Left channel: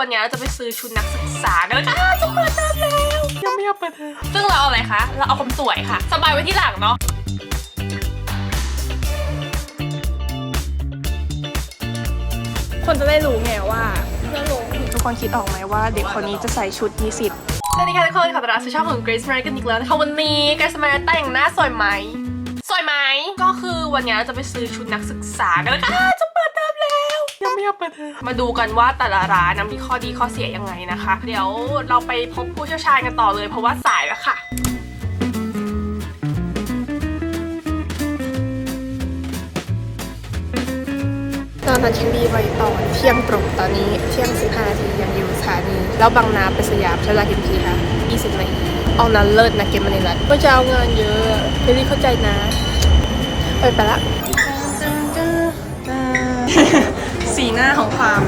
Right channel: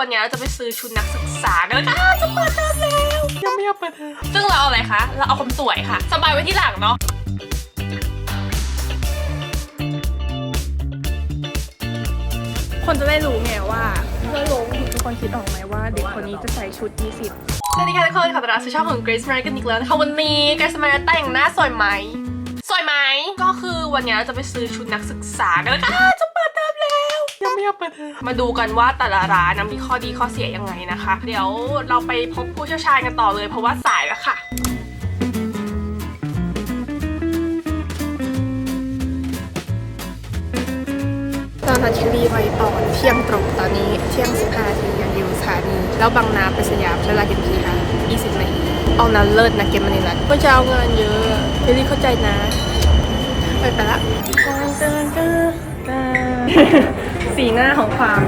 วันนี้เราจะไปซื้อชุดนักศึกษากันแล้วค่ะจะเปิดเทอมแล้วยังไม่อยากเปิดเทอมซึ่งเราเอาอะไรคะ เราเอาความสวยค่ะ สบายไว้ที่หลังเนาะคนจะได้รู้ไงว่าทุกคนคิดออกไหมว่าเด็กคนนี้จะใส่ชุดนิสิตสวัสดีค่ะทุกคนขอต้อนรับสู่ช่องของ Grace Mary กันอีกแล้วนะคะวันนี้ Grace Mary แต่งหน้าสวยไหมสวยไหมก็คือวันนี้เราจะไปซื้อชุดนักศึกษากันแล้วค่ะ ไม่อยากเปิดเทอมมาดูกันว่าแต่ละร้านนะมีข้อดีข้อเสียยังไงนะคะ เดี๋ยวเราไปพบผู้เชี่ยวชาญกันต่อเลยเพราะว่าสายแล้วค่ะตอนนั้นเชลีไปต่อเที่ยงตรงตอนนี้เที่ยงสิบห้านาทียังอยู่สถานีแล้วบางนาไปสยามใช้เวลากี่นาทีคะยี่สิบนาทีเอานั้นเลิศนะเกมมันนี่แหละก็จะเอางานเยอะเชลีเข้าใจนะ ไปไปละ สีหน้าของความ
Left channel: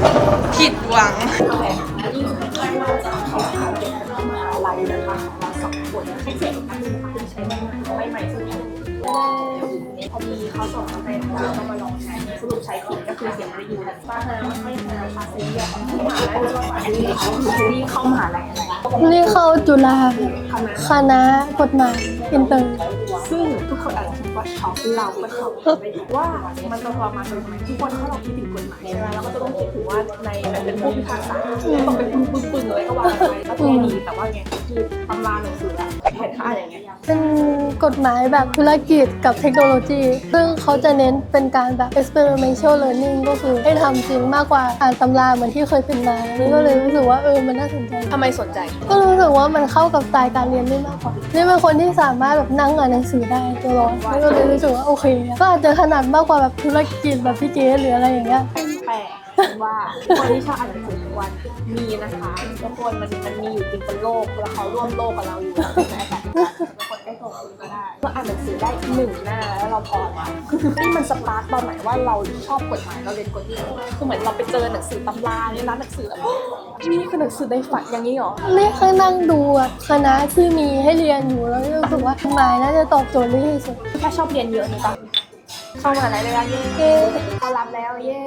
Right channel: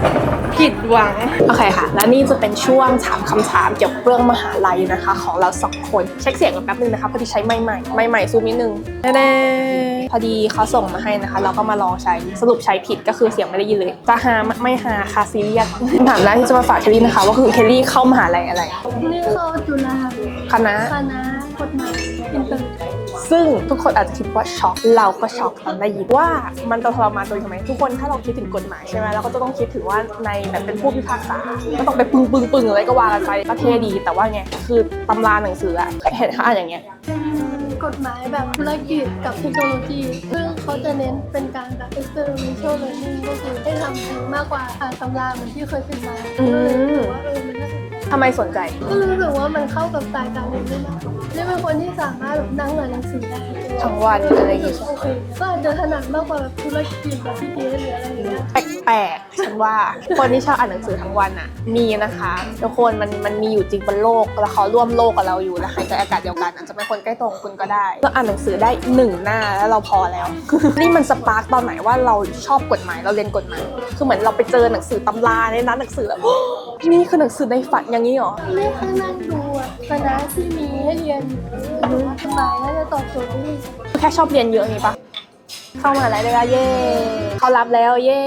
ผิดหวัง โอเคค่ะ และนี่จะเป็นช่วงถามคำถามเกี่ยวกับเรื่องมหาลัยนะคะ ของเราสองคน เช็คเสียงกันแป๊บนึงนะคะพอดีใช้ไม้ใหม่ไม้ใหม่ซูมนิดนึงแน่ๆพอดีเขาส่งมาให้นะคะ เราก็มาลองใช้สรุปใช้ผิดก็คือเสียงไม่ได้ยินเลยจะหาไม่หาคาซีเรียสคำถามแรกที่จะมาฝากเคลลี่นะคะ ว่าคือเคลลี่เข้ามหาลัยอะไรนี่เข้าจุฬาคณะคณะกฎหมายอินเตอร์ ซึ่งทุกคนอาจจะคิดว่าช็อกเราก็ช็อกตอนได้ยินว่ามันต้องทรมานโดยทำไมทุกคนถ้าเราคิดถึงกฎหมายใช่ไหมเราก็จะต้องคิดถึงว่าในแบบเป็นผู้พิพากษาต้องไปปึ้งปึ้งปึ้งอะไรก็ว่าไปโอเคดีแต่ว่าไงคือตำราหนังสืออะเห็นเขาอ่านอย่างเงี้ยเป็นกฎหมายแบบธุรกิจกับเทคโนโลยี ซึ่งเขาจะเน้นเป็นการแบบ experimental learning ก็คือให้ทำจริงมากกว่าอ่านตำราเหมือนที่เคยเป็นมาก็เลยรู้สึกว่าเออมันน่าสนใจทำไมสนใจ ก็รู้สึกว่ามันเข้ากับสไตล์การเรียนได้มากกว่า นี่เป็นคนที่สามารถแบบนั่งอ่านหนังสือได้ตัวเราทั้งวัน ก็เลยรู้สึกว่าโอเคก็อาจจะถนัดมากกว่าแบบธุรกิจแบบพี่เกดหรืออะไรอย่างเงี้ย แปลกๆฉันว่า คนที่ชอบอ่านหนังสือทั้งวันอะมีนะคะทุกคนมันมันมีอยู่จริงบนโลกแล้วเขาร่วมโลกกับเราอยู่นะคะในอากาศเดียวกันอาจจะเป็นคนใกล้ตัวของคุณก็ได้เราอ่านหนังสือได้หนึ่งหน้าแล้วเราพอแล้ว นี่มันสปาร์กตอนไหนว่าเราชอบกฎหมายเราเรียนกฎหมายคือเหมือนเราไปเจอหนังสือตำราในนั้นหนังสือแล้ว นี่คือหนังสือในฝันอย่างนี้เหรอนี่เคยนั่งดูแบบคณะที่มีให้เรียนอยู่แล้วรู้สึกว่ากฎหมายน่าจะตอบโจทย์ได้ที่สุดแค่ชอบเรียนเยอะนี่ปะเข้ามหาลัยเลยอะเย่เขารับแล้วเย่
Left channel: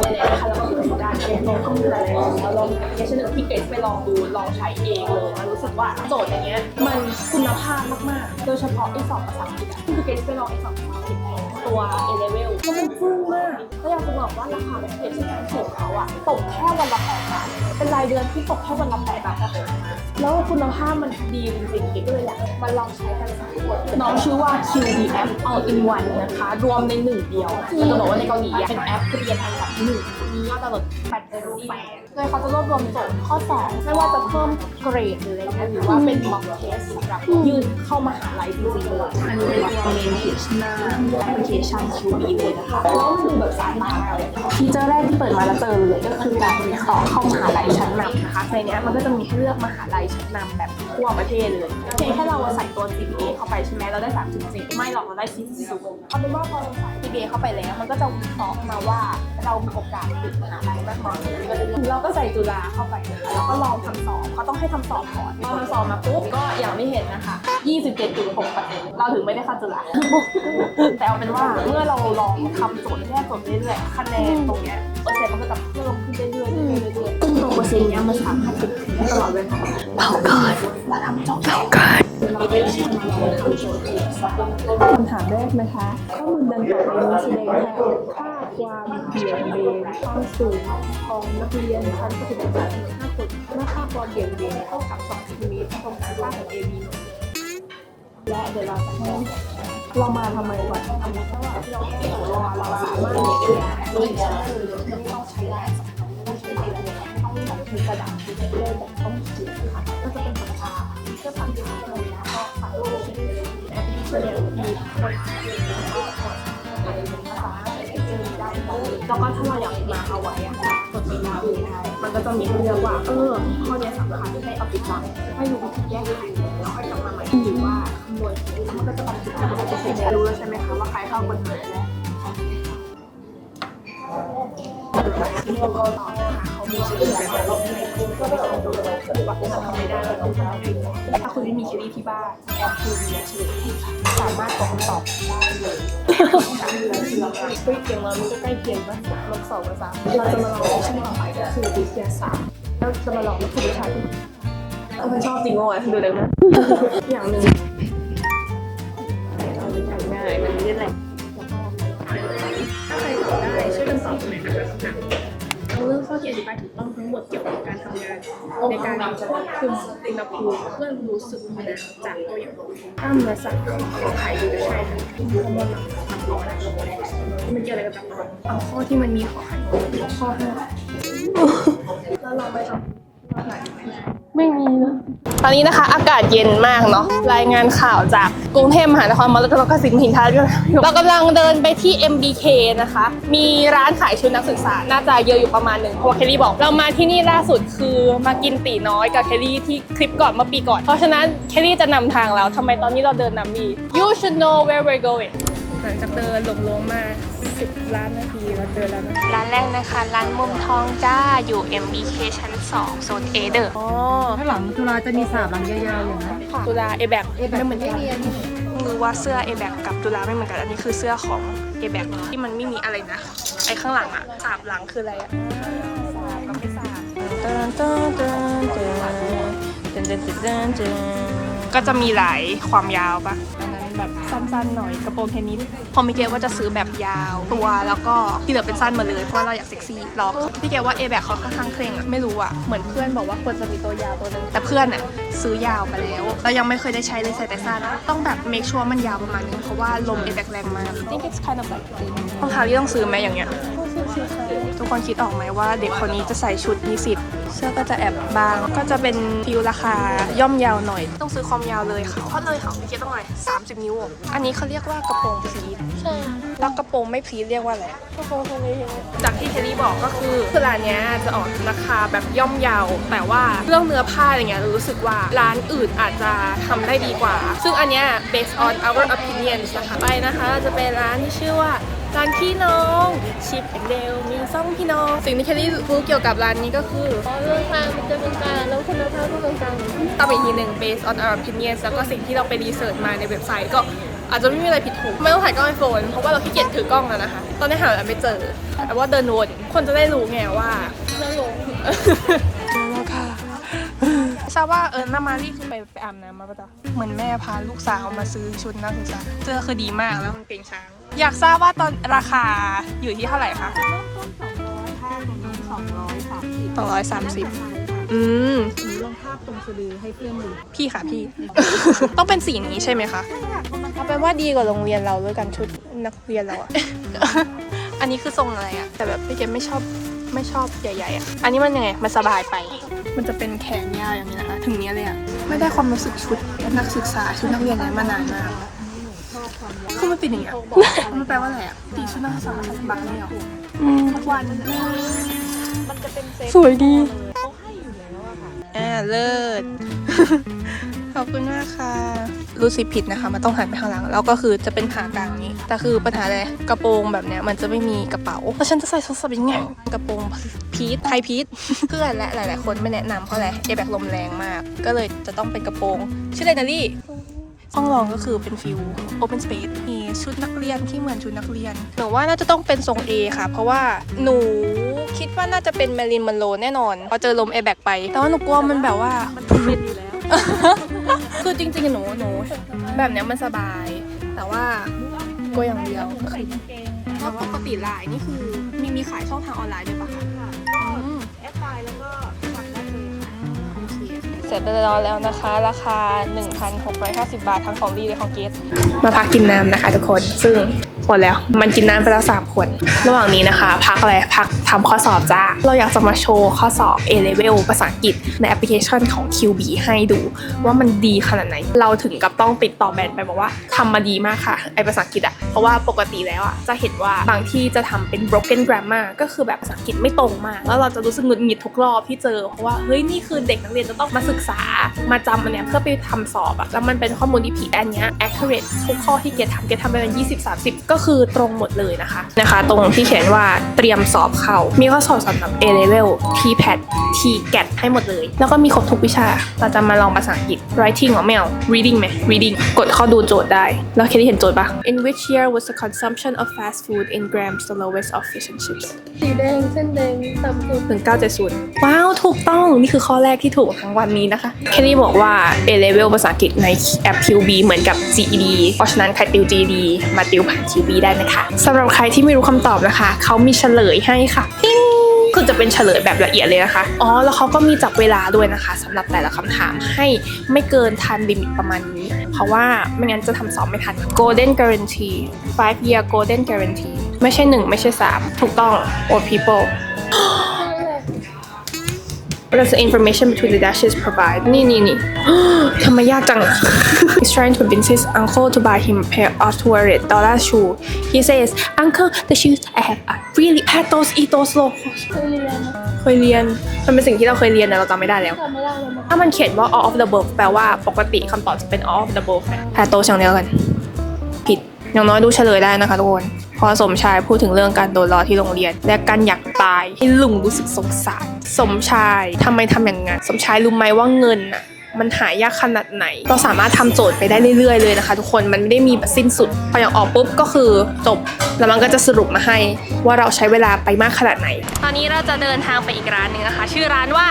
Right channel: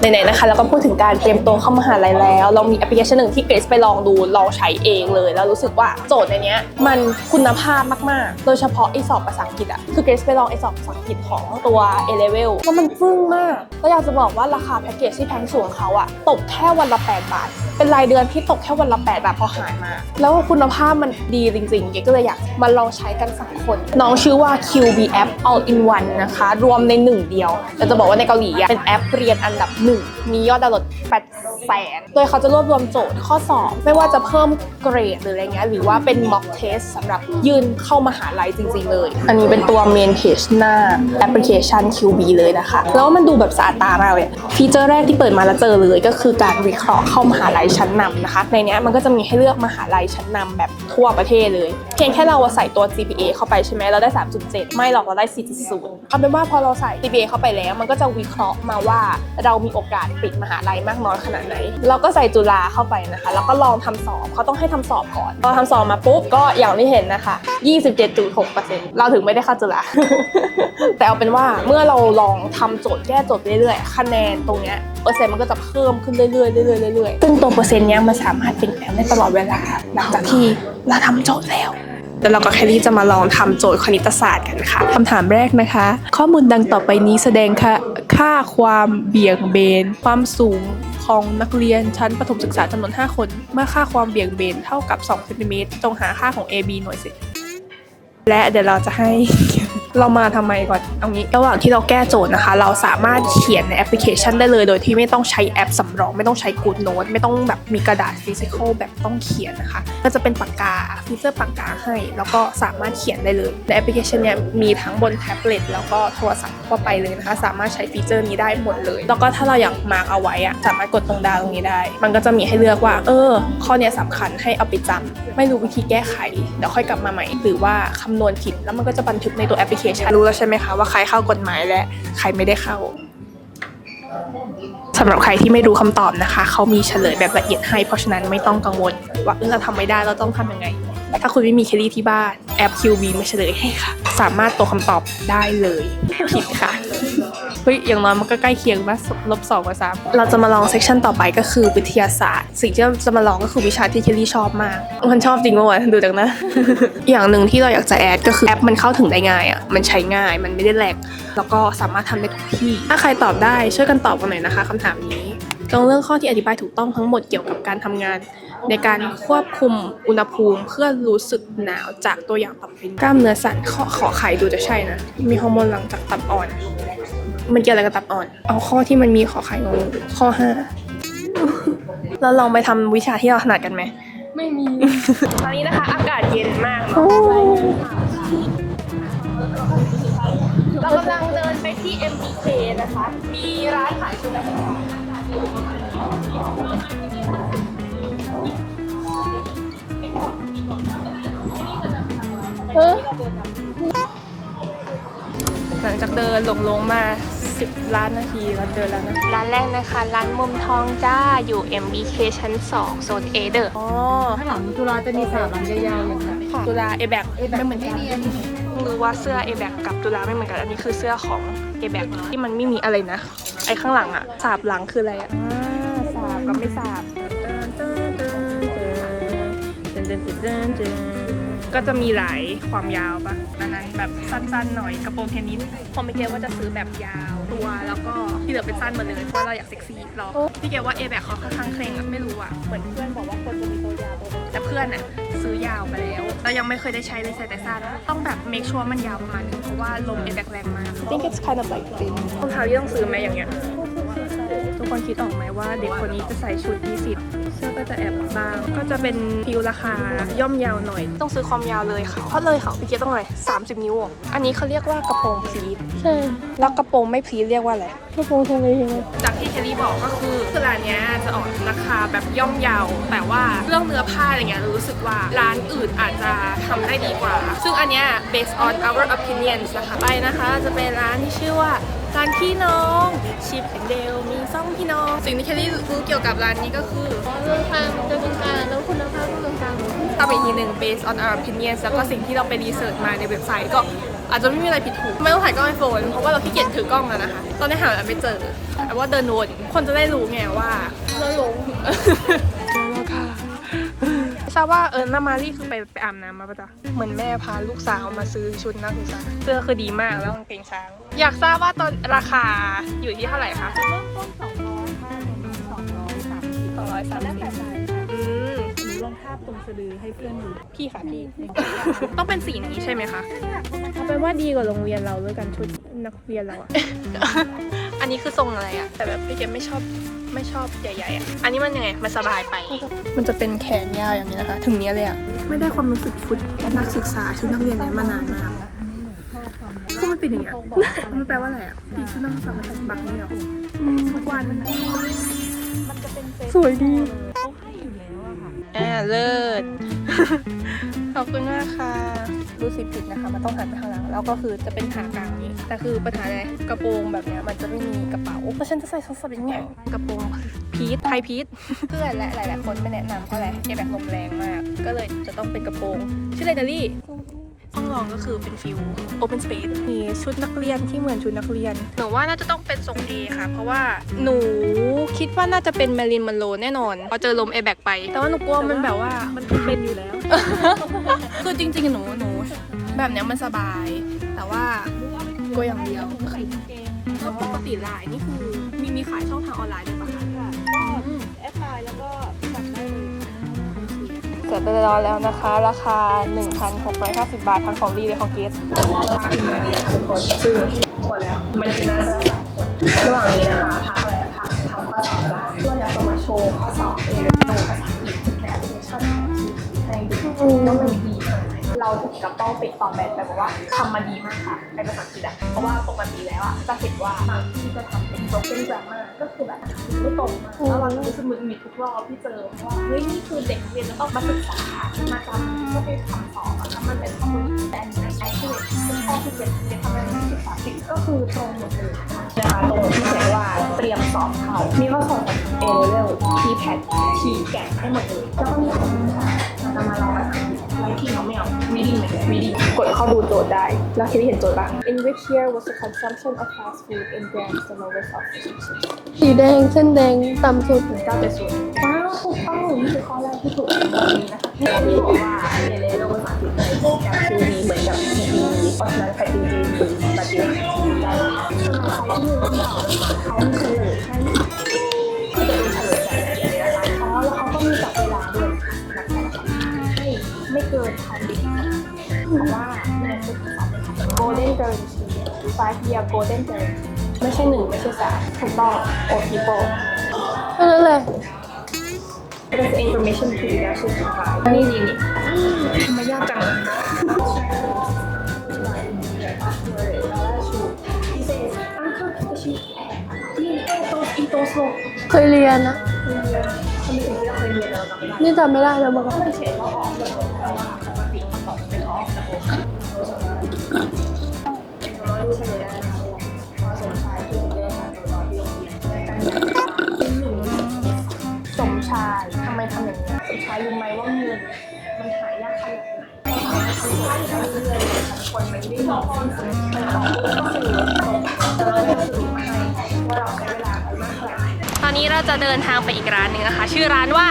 ไหนๆนะคะแล้วก็พูดถึงการเตรียมตัวเข้ามหาลัยแล้ว ลองมีแอปพลิเคชันหนึ่งที่เกรซไปลองดูลองใช้เองเลย แล้วรู้สึกว่าโจทย์ในนี้มันคุณภาพมากๆ โดยเฉพาะไอสอบภาษาอังกฤษอะคือเกรซไปลองไอสอบภาษาอังกฤษของตัว A level แล้วมันฟึ่งมาก ก็อยากจะบอกว่าราคาแพ็กเกจที่แพงสูงเขาอะตกแค่วันละ8บาทเป็นรายเดือนที่ตกแค่วันละ8บาทพอหารมา แล้วคุณภาพมันดีจริงๆเกก็เลยอยากมาลองใช้กันสักคน น้องชื่อว่า QB App All in One นะคะ รวมในหนึ่งเดียวจะบอกว่าในเกาหลีอะเป็นแอปเรียนอันดับหนึ่งมียอดดาวน์โหลด8แสนโดยเขาจะรวบรวมโจทย์ข้อสอบไม่ว่าจะเพิ่มเกรดหรืออะไรเงี้ยหรือว่าเป็น mock test สำหรับยื่นเข้ามหาลัยจริง ๆ เลย อันนี้เป็นตัว main page หน้าแอปพลิเคชัน QB เลยนะคะ แล้วมันดูแบบสะอาดตามากเลยฟีเจอร์แรกที่เปิดมาแล้วเจอเลยก็คือการวิเคราะห์เข้ามหาลัยชั้นนำนะคะ ในเนี้ยมันก็จะมีให้เลือกมหาลัยชั้นนำแบบทั่วประเทศเลย เพียงแค่เราใส่ตัว GPA เข้าไปใช่ไหมเราได้ 3.7 ไม่หรอกเราได้ 4.0เอาเป็นว่าพอเราใส่ GPA เข้าไปแล้ว มันก็จะวิเคราะห์มาว่าเรามีโอกาสปิดมหาลัยมากน้อยขนาดไหน เราก็ใส่จุฬาเข้าไปนะคะ แล้วก็ลองทำสอบเขาต้องให้ทำสอบก่อนพอทำสอบมาปุ๊บก็อย่างที่เห็นนะคะ 27.6%เราถึงไม่ได้เข้าจุฬาแต่เอาเป็นว่าเมื่อเราลองทำโจทย์แก้โจทย์เรื่อยๆคะแนนตรงเนี้ยเปอร์เซ็นต์มันก็จะเพิ่มขึ้นเรื่อยๆเรื่อยๆเรื่อยๆซึ่งตัวเปอร์เซ็นต์เนี้ยมันสามารถเปลี่ยนแปลงได้ตลอดเวลาหลังจากที่เราทำโจทย์แล้ว แล้วเราก็แค่ที่จะมาลองทำโจทย์คณิตศาสตร์กันค่ะคำถามแรกนะคะ ข้อมูลดังต่อไปนี้แสดงค่าค่าความเบี่ยงเบน ความสูงของนักเรียนชั้นประถมศึกษาจำนวน 5 คน เมื่อค่าความเบี่ยงเบนเท่ากับ2เซนติเมตรจงหาค่าของ AB หน่วยเศษและเดี๋ยวเราจะให้ เรามาทำไมก่อนเอางี้ระหว่างที่เราแก้โจทย์นะคะ เราสามารถเขียนในแอปพลิเคชันได้เลย โดยที่ไม่ต้องใช้แอปสำรอง ไม่ต้องใช้กูดโน้ตไม่ต้องแบบมีกระดาษฟิสิกอลแบบต้องเขียนนะคะ ก็จะเป็นปากกาฟีเจอร์ปากกาให้ แล้วก็สามารถเขียนได้เลยในแอปพลิเคชันเนี่ยมีทั้งบนแท็บเล็ตแล้วก็โทรศัพท์เข้าไปเลยนะคะ สามารถใช้ฟีเจอร์นี้ได้หมดเลย แล้วก็ถ้าเราอยากมาร์กเอาไว้อะสามารถกดตรงดาวตรงนี้ได้ มันก็จะมีให้เลือกว่า เออ ข้อเนี้ยสำคัญให้เอาไปจำไม่รู้วิธีแก้ไขเดี๋ยวค่อยกลับมาใหม่หรือว่าคำนวณผิดแล้วมันก็จะบันทึกในตัวแอปพลิเคชันรู้แล้วใช่ไหมคะว่าใครเข้ากฎหมายและใครไม่ได้เข้าำำหรับใครที่ไม่รู้คำตอบนะคะ เขามีเฉลยแบบละเอียดให้ เพราะฉะนั้นไม่ต้องกังวลว่าเออเราทำไม่ได้เราต้องทำยังไง ถ้าคุณไม่มีเคลลี่ที่บ้านแอป QV มาเฉลยให้ค่ะ สามารถตรงคำตอบได้เลยผิดค่ะเฮ้ยอย่างน้อยมันก็ใกล้เคียงมากลบสองกับสามเราจะมาลองเซสชันต่อไปก็คือวิทยาศาสตร์ สิ่งที่เราจะมาลองก็คือวิชาที่เคลลี่ชอบมาก มันชอบจริงเมื่อวานดูจากนะ อย่างหนึ่งที่เราอยากจะแอดก็คือแอปมันเข้าถึงได้ง่ายอะมันใช้ง่ายมันไม่ได้แหลก แล้วก็สามารถทำได้ทุกที่ ถ้าใครตอบได้ช่วยกันตอบกันหน่อยนะคะคำถามนี้ตรงเรื่องข้อที่อธิบายถูกต้องทั้งหมดเกี่ยวกับการทำงาน ในการควบคุมอุณหภูมิเพื่อรู้สึกหนาวจากตัวอย่างต่อไปกล้ามเนื้อสัตว์ข้อขอไข่ดูจะใช่นะ มีฮอร์โมนหลังจากตับอ่อน มันเกี่ยวอะไรกับตับอ่อน เอาข้อที่มันมีขอไข่งงข้อห้าเราลองไปทำวิชาที่เราถนัดกันไหม ไม่มี ตอนนี้นะคะ อากาศเย็นมากเนาะรายงานข่าวจากกรุงเทพมหานครมรดกสินหินทาเรากำลังเดินไปที่ MBK นะคะ มีร้านขายชุดนักศึกษา น่าจะเยอะอยู่ประมาณหนึ่งเพราะว่าเคลลี่บอก เรามาที่นี่ล่าสุดคือมากินตีน้อยกับเคลลี่ที่คลิปก่อนเมื่อปีก่อน เพราะฉะนั้นเคลลี่จะนำทางเราทำไมตอนที่เราเดินนำดี You should know where we're going หลังจากเดินลงลงมา 10 ล้านนาทีเราเดินแล้วนะร้านแรกนะคะ ร้านมุมทองจ้าอยู่ MBK ชั้น 2 โซนเอเดอร์อ๋อข้างหลังจุลาจะมีสามหลังยาวๆอย่างนี้ตุลาเอแบกไม่เหมือนกันรู้ว่าเสื้อเอแบกกับตุลาไม่เหมือนกัน อันนี้คือเสื้อของเอแบกที่มันไม่มีอะไรนะ ไอข้างหลังอะสาบหลังคืออะไรสาบกับไม่สาบเดินเดิเดินเดิเดินเดิเดิน ก็จะมีหลายความยาวปะอันนั้นแบบสั้นๆหน่อยกระโปรงเทนนิสพอมีเกว่าจะซื้อแบบยาวตัวแล้วก็ที่เหลือเป็นสั้นหมาเลยเพราะว่าเราอยากเซ็กซี่หรอกพี่เกว่าเอแบกเขาค่อนข้างเคร่งอะไม่รู้อะเหมือนเพื่อนบอกว่าควรจะมีตัวยาวตัวนึงแต่เพื่อนอะซื้อยาวมาแล้วเรายังไม่เคยได้ใช้เลยใส่แต่สั้นต้องแบบ make sure มันยาวประมาณนึงเพราะว่าลมเอแบกแรงมาก I think it's kind of like thin รองเท้าที่ต้องซื้อไหมอย่างเงี้ยทุก คนคิดออกไหมว่าเด็กคนนี้จะใส่ชุดนิสิตเสื้อก็จะแอบบาง ก็จะเป็นฟิลราคาย่อมเยาวหน่อย ต้องซื้อความยาวเลยค่ะเพราะเลยค่ะพี่เกดต้องเลย30 นิ้วอะอันนี้เขาเรียกว่ากระโปรงพลีทใช่แล้วกระโปรงไม่พลีทเรียกว่าอะไรที่ตรงทำไมยังไงจากที่เคลลี่บอกก็คือคือร้านเนี้ยจะออกราคาแบบย่อมเยาว แต่ว่าเรื่องเนื้อผ้าอะไรเงี้ยเรารู้สึกว่าร้านอื่นอาจจะทำได้ดีกว่า ซึ่งอันเนี้ย based on our opinions นะคะไปนะคะ จะเป็นร้านที่ชื่อว่า ร้านพี่น้องชิปแอนเดลมีซ่องพี่น้อง สิ่งที่เคลลี่รู้เกี่ยวกับร้านนี้ก็คืออ๋อราคามันจะเป็นกลางแล้วคุณภาพก็เป็นกลางเหมือนกันตามอีกทีหนึ่ง based on our opinions แล้วก็สิ่งที่เราไปรีเสิร์ชมาในเว็บไซต์ก็อาจจะไม่มีอะไรผิดถูกไม่ต้องถ่ายกล้องไอโฟนเพราะว่าเราขี้เกียจถือกล้องแล้วนะคะ ตอนนี้หาอะไรไม่เจอแต่ว่าเดินวนคนจะได้รู้ไงว่าเราหลงแล้วค่ะ ทราบว่าเออน้ามารีคือไปไปอาบน้ำมาปะจ๊ะเหมือนแม่พาลูกสาวมาซื้อชุดนักศึกษาเสื้อคือดีมากแล้วกางเกงช้าง อยากทราบว่าตอนราคาอยู่ที่เท่าไหร่คะเริ่มต้นสองร้อยห้าสองร้อยสามสิบสองร้อยสามสิบอืมหนูลองภาพตรงสะดือให้เพื่อนดูพี่ค่ะพี่ ต้องเป็นสีนี้ใช่ไหมคะเอาเป็นว่าดีกว่าโรงเรียนเราด้วยกันชุดนักเรียนเราอะอันนี้คือทรงอะไรอะแต่แบบพี่เกมไม่ชอบ ไม่ชอบใหญ่ๆอะอันนี้มันยังไง มันสบายไป มันจะเป็นแขนยาวอย่างนี้นะคะ ถึงเนี้ยเลยอะไม่ได้ความรู้สึกชุดนักศึกษาชุดนักเรียนนั้นมานานมากคือมันเป็นอย่างเงี้ยมันแปลว่าอะไรอะตีชุดนักศึกษาบางเนี่ยหรอทุกวัน สวยดีอ่าเลิศข อบคุณมากค่ะ รู้สึกผิดนะคะ มันต้องหันไปข้างหลัง แล้วก็คือจะเป็นขากลางนี้ แต่คือปัญหาเลยกระโปรงแบบเนี้ยมันจะไม่มีกระเป๋าแล้วฉันจะใส่ชุดสบิงไงกระโปรงพีทไทยพีทเพื่อนและหลายๆคนไม่แนะนำเพราะอะไรเอแบบลมแรงมาก ก็เลยจะต้องเป็นกระโปรงชื่ออะไรนะลี่ห้องรองก็คือเป็นฟิล open space มีชุดนักเรียนที่เหมือนชุดนักเรียน หนูว่าน่าจะต้องเป็นทรง A ค่ะ เพราะว่าหนูคิดว่าน่าจะเป็นแมรินมันโลแน่นอนพอเจอลม a อแบกไป แต่ว่าหนูกลัวมันแบบว่า คือจริงๆหนูหนูแบบเนี้ยมันสบาย แต่ว่ากลัวอย่างเดียวก็คือแล้วปกติไลน์นี่คือมีมีขายช่องทางออนไลน์ด้วยปะคะอืมเสร็จไปแล้วแล้วนะคะ ราคา 1,650บาททั้งของดีและของเกสมาพักกินน้ำนะคะทุกคน ซึ่งหมดแล้ว มันกินน้ำไปแล้ว3ขวด ระหว่างนี้นะคะ พักอะไร พัก ทำข้อสอบจ้า เราอยากจะมาโชว์ข้อสอบ A level ภาษาอังกฤษในแอปพลิเคชันของ QB ให้ดูว่ามันดีขนาดไหน เราถึงกับต้องติดต่อแบรนด์ไปบอกว่าทำมาดีมากค่ะ ไอภาษาอังกฤษอะเพราะว่าปกติแล้วอะจะเห็นว่าบางที่จะทำเป็น broken grammar ก็คือแบบภาษาอังกฤษไม่ตรงมาก แล้วเราจะรู้สึกหงุดหงิดทุกรอบที่เจอเพราะว่าเฮ้ยนี่คือเด็กนักเรียนจะต้องมาศึกษา มาจำมันเนี้ยเพื่อไปทำสอบอะแล้วมันเป็นข้อมูลที่ผิดแต่อันเนี้ย accurate ทุกข้อที่เกดทำเกดทำไปเป็น20 30 ก็คือตรงหมดเลยนะคะนะคะ ตรงที่เขียนว่าเตรียมสอบเข้ามีข้อสอบสำหรับ A level T pad T GAT ให้หมดเลย แล้วก็มีครบทุกวิชา เราจะมาลองภาษาอังกฤษ writing เหรอไม่เอา reading ไหม reading กดเข้าดูโจทย์ได้ แล้วเคที่เห็นโจทย์ปะ In which year was the consumption of fast food in grams the lowest of fish and chips สีแดงเส้นแดงต่ำสุด1970ว้าว ถูกต้อง นี่คือข้อแรกที่ถูกของวันนี้นะคะ แค่นี้บอกว่า A level ภาษาอังกฤษในแอป QB เหมือนกับ GED เพราะฉะนั้นใครติว GED มาติวผ่าน QB ได้นะคะสำหรับใครที่ไม่รู้คำตอบนะคะ เขามีเฉลยให้ค่ะติ๊งคือจะเป็นเฉลยแบบละเอียดเลยนะคะ อ๋อ แล้วเขาก็มีจับเวลาด้วยนะคะสำหรับแต่ละคำถามให้ไม่เกินทันลิมิตประมาณนี้ เพราะว่าไม่งั้นจะทำสอบไม่ทัน Golden Guarantee 5 year Golden Guarantee ไม่ใช่ 1 ไม่ใช่ 3 ถูกต้อง or people What is the information between the dashes provide นี่นี่นี่ ทำไมยากจัง He's trying to convince his uncle to buy him a pair of two-hundred dollar shoe He says Uncle the shoes I have are really patos etos locos เคยเรียนนะเคยเรียน มันเป็นสิ่งที่เราเคยเรียนแต่เราจำไม่ได้แล้ที่ว จำไม่ได้แล้วบอกถ้ามันเขียนว่า all of the above แปลว่าปกติคำตอบจะเป็น all of the above แพโตอย่างเดียวกัน ผิด อย่างน้อยดูเฉลยได้นะคะทุกคน พอสมชายพูดถึงเรื่องการโดนล้อที่โรงเรียน และการอยากตายที่ลุงรู้สึกสงสาร สมชายทำไมทำอย่างนั้นสมชายรู้ไหมว่าเงินอะ มันหายากขนาดไหน เราสามารถทำโจทย์ไปได้เรื่อยๆเลยนะคะ ทุกคนมันไม่ได้มีสิ้นสุดพออย่างออกปุ๊บก็คือจบแล้วมันก็จะสรุปมาให้ว่าเราใช้เวลาไปมากขนาดไหน ตอนนี้เราจะเดินทางไปอีกร้านหนึ่งนะคะ ชื่อร้านว่า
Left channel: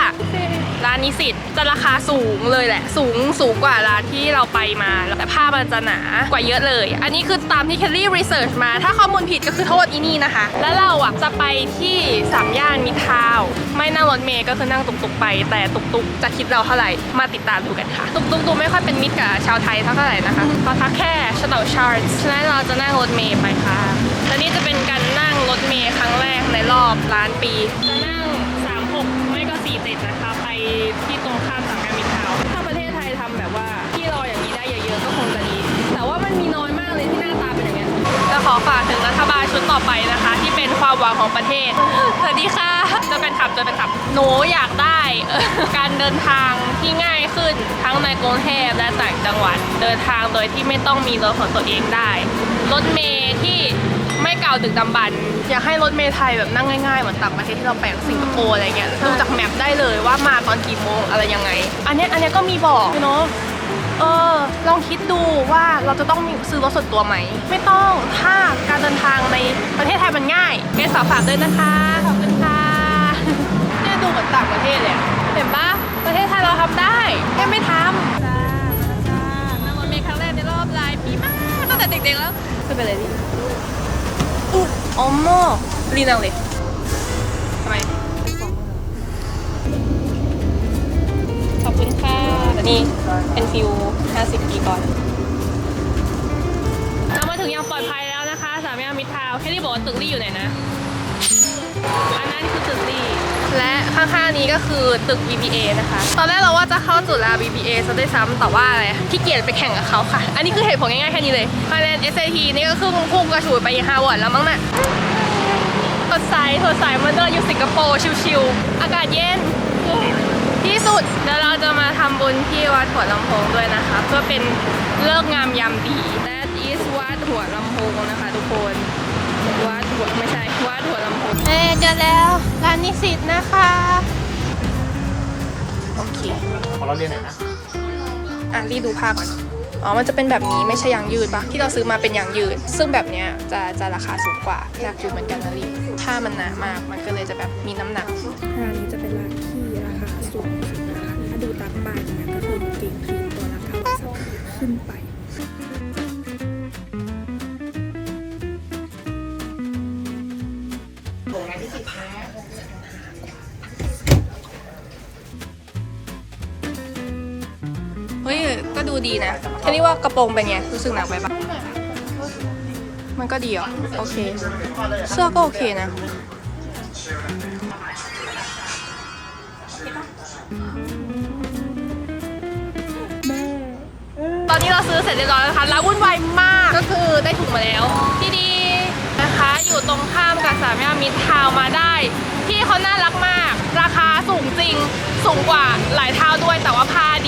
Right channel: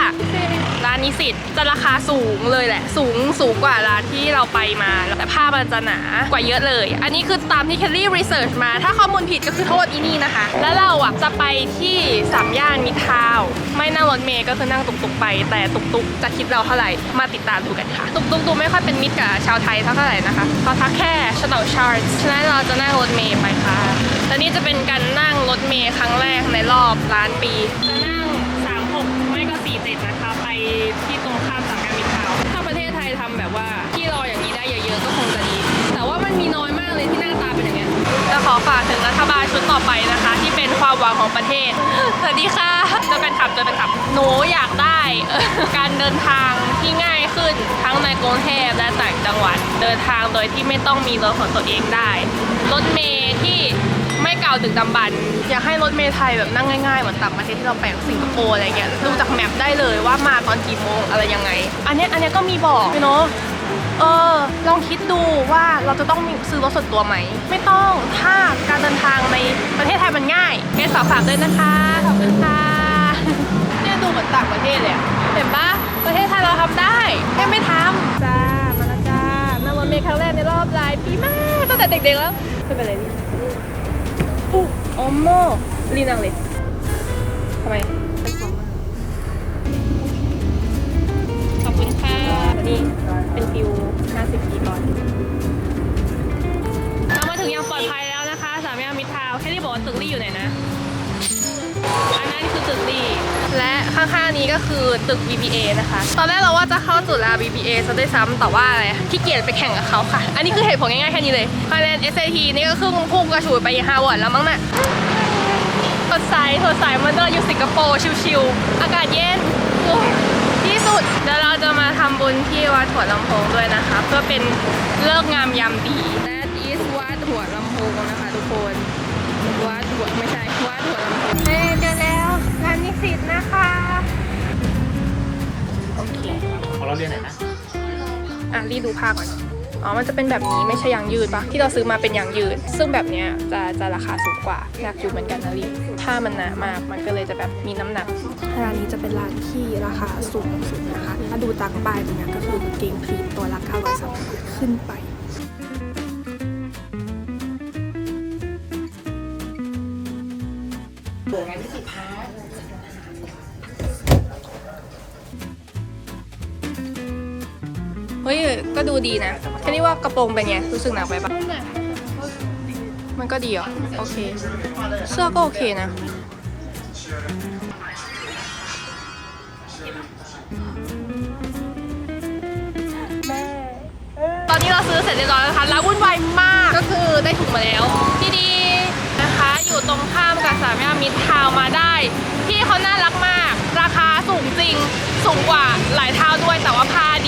ร้านนิสิตจะราคาสูงเลยแหละ สูงสูงกว่าร้านที่เราไปมา แต่ผ้ามันจะหนากว่าเยอะเลย อันนี้คือตามที่เคลลี่รีเสิร์ชมา ถ้าข้อมูลผิดก็คือโทษอีนี่นะคะ แล้วเราอะจะไปที่สามย่านมิทาว ไม่นั่งรถเมย์ก็คือนั่งตุกๆไป แต่ตุกๆจะคิดเราเท่าไหร่มาติดตามดูกันค่ะตุกๆดูไม่ค่อยเป็นมิตรกับชาวไทยเท่าไหร่นะคะเขาทักแค่ชาแนลชาร์ตฉะนั้นเราจะนั่งรถเมย์ไปค่ะและนี่จะเป็นการนั่งรถเมย์ครั้งแรกในรอบล้านปีจะนั่ง 36 ไม่ก็ 47 นะคะ ไปที่ตรงข้ามสามย่ามิตรทาวถ้าประเทศไทยทำแบบว่าที่รออย่างนี้ได้เยอะๆก็คงจะดี แต่ว่ามันมีน้อยมากเลยที่หน้าตาเป็นอย่างเงี้จะขอฝากถึงรัฐบาลชุดต่อไปนะคะ ที่เป็นความหวังของประเทศสวัสดีค่ะเจอกันขับเจอกันขับหนูอยากได้ เออการเดินทางที่ง่ายขึ้นทั้งในกรุงเทพและต่างจังหวัด เดินทางโดยที่ไม่ต้องมีรถของตัวเองได้ รถเมล์ที่ไม่เก่าดึกดำบรรพ์อยากให้รถเมล์ไทยแบบนั่งง่ายๆ เหมือนต่างประเทศที่เราไปอย่างสิงคโปร์อะไรเงี้ยดูจากแมปได้เลยว่ามาตอนกี่โมงอะไรยังไง อันเนี้ยอันเนี้ยก็มีบอกเนาะเออลองคิดดูว่าเราจะต้องมีซื้อรถส่วนตัวไหม ไม่ต้องถ้าการเดินทางในประเทศไทยมันง่ายเกสฝากฝากด้วยนะคะขอบคุณ มือนต่างประเทศเลยอะเห็นปะประเทศไทยเราทำได้แค่ไม่ทำจ้า มาแล้วจ้านั่งรถเมล์ครั้งแรกในรอบหลายปีมากตั้งแต่เด็กๆแล้วไม่เป็นไรดิอู้ออมโมรีนั่งเลยทำไม ขอบคุณค่ะอันนี้เป็นฟิว 50 ปีก่อน เรามาถึงอย่างปลอดภัยแล้วนะคะ สามย่านมิตรทาวน์แค่ที่บอกว่าตึกลี่อยู่ไหนนะ อันนั้นคือตึกลี่และข้างๆนี้ก็คือตึก BBA นะคะ ตอนแรกเราว่าจะเข้าจุฬา BBA ซะด้วยซ้ำแต่ว่าอะไรขี้เกียจไปแข่งกับเขาค่ะ อันนี้คือเหตุผลง่ายๆแค่นี้เลยคะแนน SAT นี่ก็คือพุ่งกระฉูดไปฮาร์วาร์ดแล้วมั้งน่ะสดใสสดใสเหมันเดินอยู่สิงคโปร์ชิวๆอากาศเย็นที่สุดเดี๋ยวเราจะมาทำบุญที่วัดหัวลำโพงด้วยนะคะเพื่อเป็นเลิกงามยามดี That is วัดหัวลำโพงนะคะทุกคนวัดหัวไม่ใช่ เราเรียนไหนนะอะรีดูผ้าก่อน อ๋อ มันจะเป็นแบบนี้ไม่ใช่ยางยืดปะที่เราซื้อมาเป็นยางยืด ซึ่งแบบเนี้ยจะจะราคาสูงกว่าอยากอยู่เหมือนกันนะรีผ้ามันหนามากมันก็เลยจะแบบมีน้ำหนักร้านนี้จะเป็นร้านที่ราคาสูงสุดนะคะ ถ้าดูตามป้ายเนี่ยก็คือกางเกงพรีตัวละ930ขึ้นไป ฮ้ย ก็ดูดีนะแค่นี้ว่ากระโปรงเป็นไง รู้สึกหนักไปปะมันก็ดีเหรอ โอเค เสื้อก็โอเคนะ ตอนนี้เราซื้อเสร็จเรียบร้อยแล้วนะคะแล้ววุ่นวายมาก ก็คือได้ถุงมาแล้วที่ดีนะคะ อยู่ตรงข้ามกับสามย่านมิตรทาวน์มาได้ พี่เขาน่ารักมาก ราคาสูงจริง สูงกว่าหลายเท่าด้วยแต่ว่าผ้าดี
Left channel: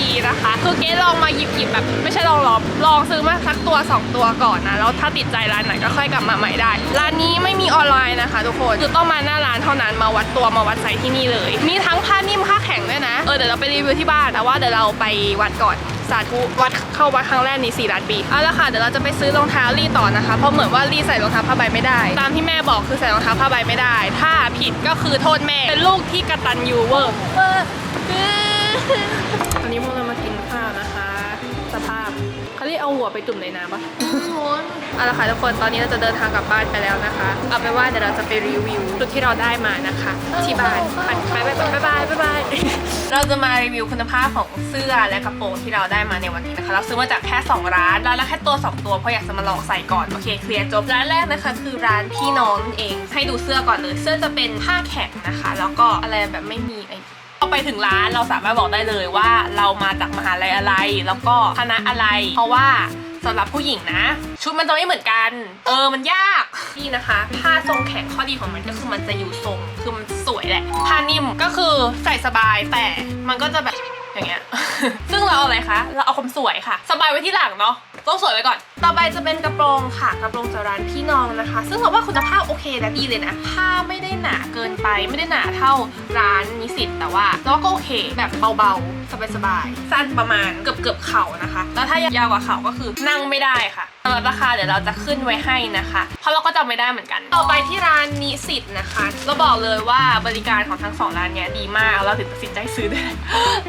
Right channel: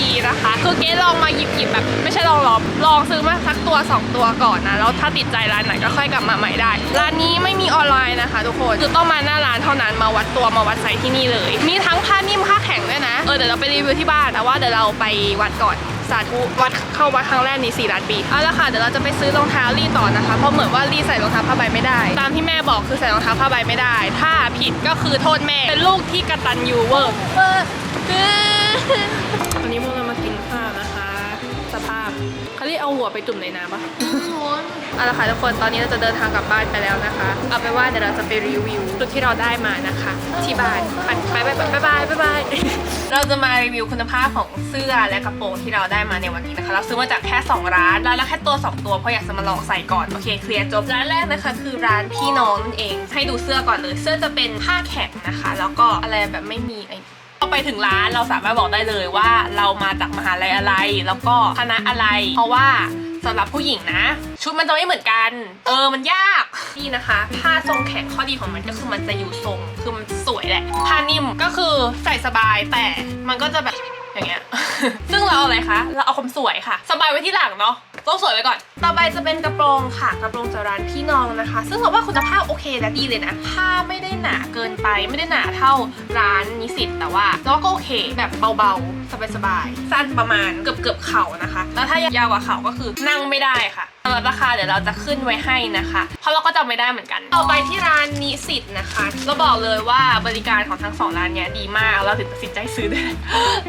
ลองมาหยิบหยิบแบบไม่ใช่ลองลองลองซื้อมาสักตัว 2 ตัวก่อนนะแล้วถ้าติดใจร้านไหนก็ค่อยกลับมาใหม่ได้ ร้านนี้ไม่มีออนไลน์นะคะ ทุกคนคือต้องมาหน้าร้านเท่านั้นมาวัดตัวมาวัดไซส์ที่นี่เลย มีทั้งผ้านิ่มผ้าแข็งด้วยนะเออเดี๋ยวเราไปรีวิวที่บ้านแต่ว่าเดี๋ยวเราไปวัดก่อนสาธุวัดเข้าวัดครั้งแรกนี่4ล้านปีเอาละค่ะเดี๋ยวเราจะไปซื้อรองเท้าลี่ต่อนะคะ เพราะเหมือนว่าลี่ใส่รองเท้าผ้าใบไม่ได้ ตามที่แม่บอกคือใส่รองเท้าผ้าใบไม่ได้ ถ้าผิดก็คือโทษแม่เป็นลูกที่กระตันยูเวอร์เออวันนี้พวกเรา เขาเรียกเอาหัวไปจุ่มในน้ำปะเอาละค่ะทุกคนตอนนี้เราจะเดินทางกลับบ้านไปแล้วนะคะ เอาไปนว่าเดี๋ยวเราจะไปรีวิวชุดที่เราได้มานะคะ ที่บ้านไปไปไปไปบายบายบายเราจะมารีวิวคุณภาพของเสื้อและกระโปรงที่เราได้มาในวันนี้นะคะ เราซื้อมาจากแค่ 2 ร้านร้านละแค่ตัว 2 ตัวเพราะอยากจะมาลองใส่ก่อนโอเคเคลียร์จบร้านแรกนะคะคือร้านพี่น้องนั่นเอง ให้ดูเสื้อก่อนเลย เสื้อจะเป็นผ้าแข็งนะคะ แล้วก็อะไรแบบไม่มีไอ้พอ ไปถึงร้านเราสามารถบอกได้เลยว่าเรามาจากมหาลัยอะไร แล้วก็คณะอะไร เพราะว่าสำหรับผู้หญิงนะ ชุดมันจะไม่เหมือนกัน เออมันยากนี่นะคะผ้าทรงแข็งข้อดีของมันก็คือมันจะอยู่ทรงคือมันสวยแหละผ้านิ่มก็คือใส่สบายแต่มันก็จะแบบอย่างเงี้ยซึ่งเราเอาอะไรคะเราเอาความสวยค่ะ สบายไว้ที่หลังเนาะต้องสวยไว้ก่อน ต่อไปจะเป็นกระโปรงค่ะ กระโปรงจากร้านพี่น้องนะคะ ซึ่งเราว่าคุณภาพโอเคและดีเลยนะ ผ้าไม่ได้หนาเกินไป ไม่ได้หนาเท่าร้านนิสิตแต่ว่าเราว่าก็โอเคแบบเบาๆ สบายๆ สั้นประมาณเกือบเกือบเข่านะคะ แล้วถ้ายาวกว่าเข่าก็คือนั่งไม่ได้ค่ะสำหรับราคาเดี๋ยวเราจะขึ้นไว้ให้นะคะ เพราะเราก็จำไม่ได้เหมือนกัน ต่อไปที่ร้านนิสิตนะคะ เราบอกเลยว่าบริการของทั้งสองร้านเนี้ยดีมากเราถึงตัดสินใจซื้อได้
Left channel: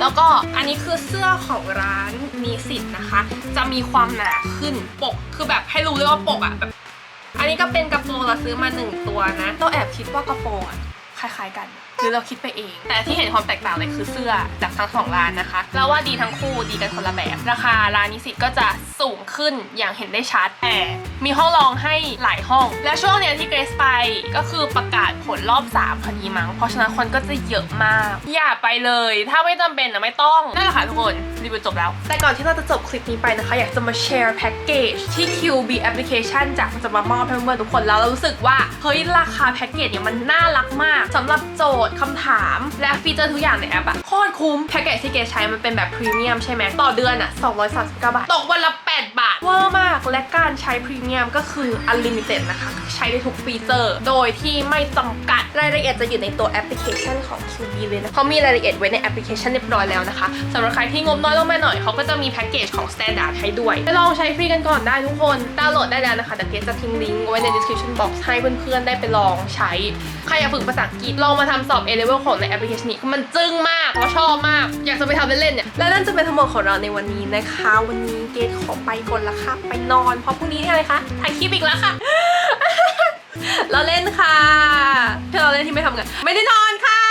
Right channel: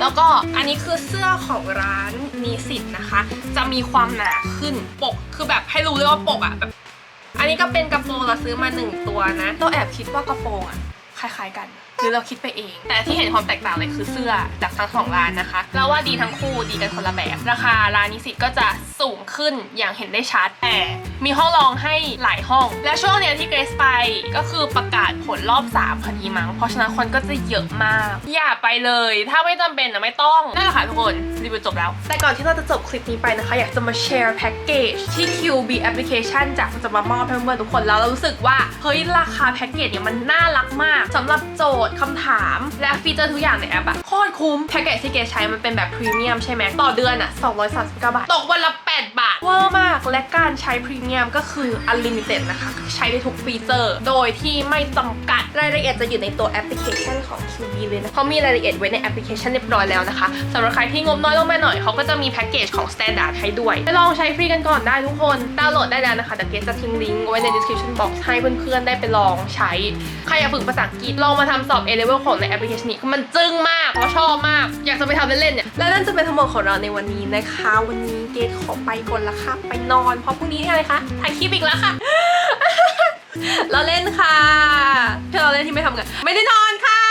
แล้วก็อันนี้คือเสื้อของร้านนิสิตนะคะ จะมีความหนาขึ้นปก คือแบบให้รู้เลยว่าปกอะแบบอันนี้ก็เป็นกระโปรงเราซื้อมาหนึ่งตัวนะเราแอบคิดว่ากระโปรงอะคล้ายๆกัน หรือเราคิดไปเอง แต่ที่เห็นความแตกต่างเลยคือเสื้อจากทั้งสองร้านนะคะเราว่าดีทั้งคู่ดีกันคนละแบบ ราคาร้านนิสิตก็จะสูงขึ้นอย่างเห็นได้ชัดแต่มีห้องรองให้หลายห้อง และช่วงเนี้ยที่เกรซไปก็คือประกาศผลรอบ3พอดีมั้งเพราะฉะนั้นคนก็จะเยอะมาก อย่าไปเลย ถ้าไม่จำเป็นนะไม่ต้องนั่นแหละค่ะทุกคนรีวิวจบแล้ว แต่ก่อนที่เราจะจบคลิปนี้ไปนะคะ อยากจะมาแชร์แพ็กเกจที่ QB Application จากจะมามอบให้เพื่อนๆทุกคนแล้วเรารู้สึกว่าเฮ้ยราคาแพ็กเกจเนี่ยมันน่ารักมากสำหรับโจทย์คำถาม และฟีเจอร์ทุกอย่างในแอปอะโคตรคุ้มแพ็กเกจที่เกใช้มันเป็นแบบพรีเมียมใช่ไหมต่อเดือนอะ239 บาท ตกวันละ 8 บาท เวอร์มาก และการใช้พรีเมียมก็คือ Unlimited นะคะ ใช้ได้ทุกฟีเจอร์ โดยที่ไม่จำกัด รายละเอียดจะอยู่ในตัวแอปพลิเคชันของ QB เลยนะเขามีรายละเอียดไว้ในแอปพลิเคชันเรียบร้อยแล้วนะคะสำหรับใครที่งบน้อยลงมาหน่อยเขาก็จะมีแพ็กเกจของ Standard ให้ด้วยไปลองใช้ฟรีกันก่อนได้ทุกคนดาวน์โหลดได้แล้วนะคะเดี๋ยวเกจะทิ้งลิงก์ไว้ใน description box ให้เพื่อนๆได้ไปลองใช้ใครอยากฝึกภาษาอังกฤษลองมาทำสอบ A level ของในแอปพลิเคชันนี้มันจึ้งมากเพราะชอบมาก อยากจะไปทำเล่นๆเนี่ยและนั่นจะเป็นทั้งหมดของเราในวันนี้นะคะ วันนี้เกดขอไปก่อนละค่ะ ไปนอนเพราะพรุ่งนี้อะไรคะถ่ายคลิปอีกแล้วค่ะเราเล่นค่ะเพื่อเราเล่นที่ไม่ทำกัน ไม่ได้นอนค่ะ